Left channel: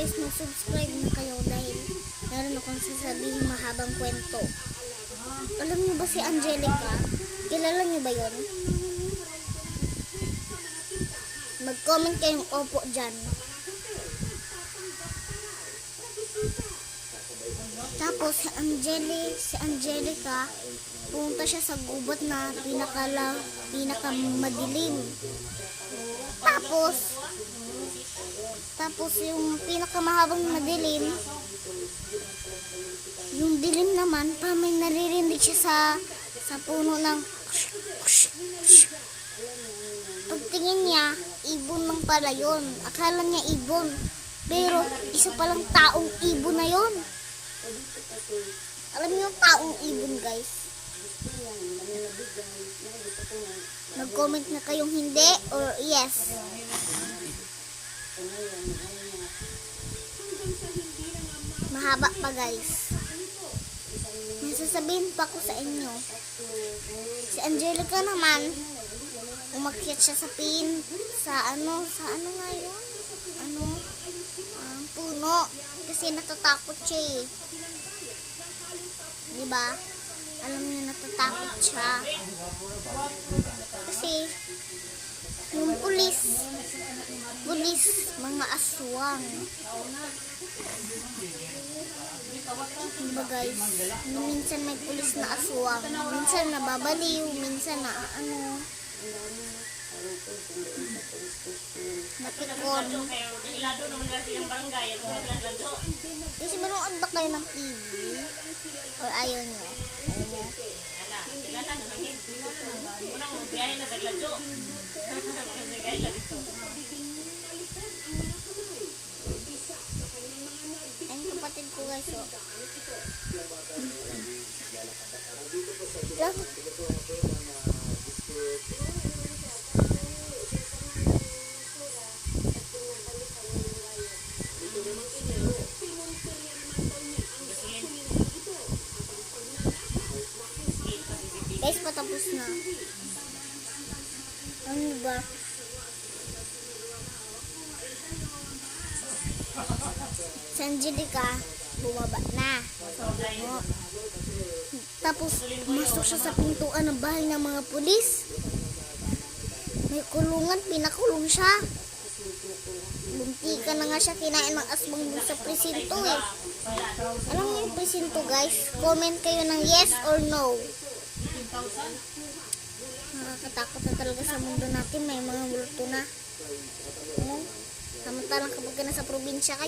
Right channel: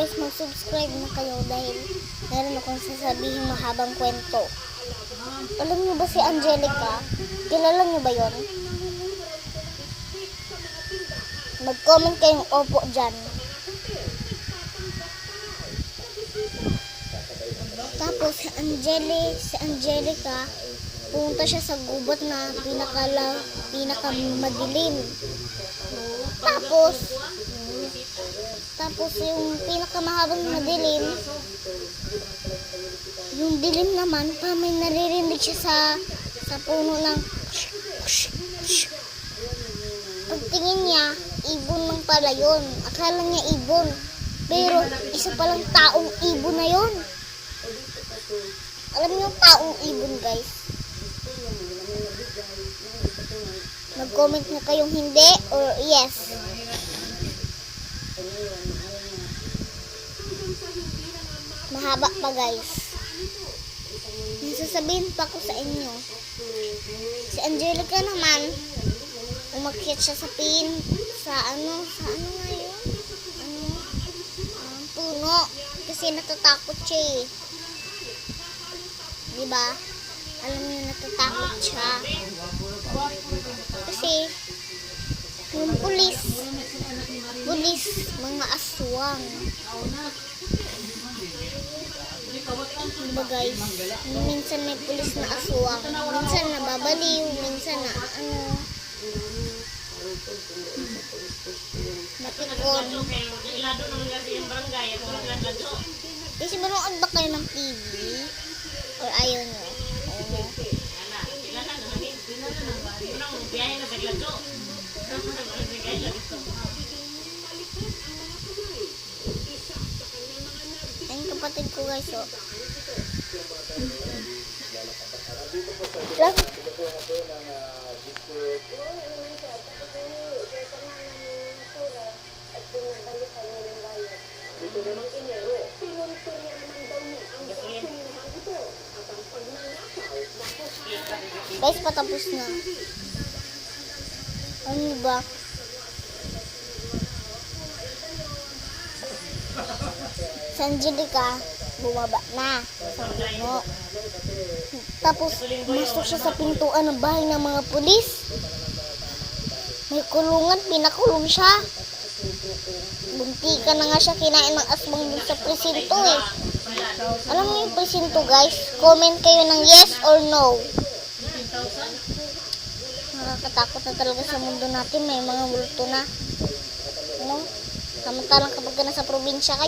guys, mag-subscribe na kayo dahil meron akong sasabihin mahabang kwento. Alam niyo ba si Angelica? Kilala niyo ba yon? Mag-comment kayong opo dyan. Tapos si Angelica, pumunta siya sa gubat na pinakamadilim. Tapos yung pinakamahabang madilim, yung dilim naman, pa may naririnig siya sa puno ng pagtingin niya, ibon lang pala yun. Akala niya ibon, pero isa palang taong ibon na yun. Alam niyo yung taong ibon, guys? Mag-comment na kayong hindi or yes. Mahaba pa, guys. May sasabihin pa ko sa inyo. Si Angelica naman, umakyat siya sa ano nga yun? Puno. Kasi natatakot siya eh. Diba? Alam niyo, natatakot siya. Kasi, yung pulis, mga aswang. Diba guys? Minsan may pulis na aswang. Minsan nababaliw, minsan na napikon. Kasi manood ba kayo ng TV? Or ayaw nyo? Ayun kapatid ko guys, oh. Guys, patapos na. Ano ba? Si Angelica, bumaba na sa puno. Tapos, masok siya sa pintuan ng bahay ng mga pulis. May kulungan, pinakulong siya. Buntikan na nga siya, kinain ng aswang dun sa presinto eh. Alam niyo yung presinto, guys? Comment kayo ng yes or no. Nakakatakot na talaga sa mundo natin. May mga multo na. Samantalang kapag ka nasa probinsya kayo,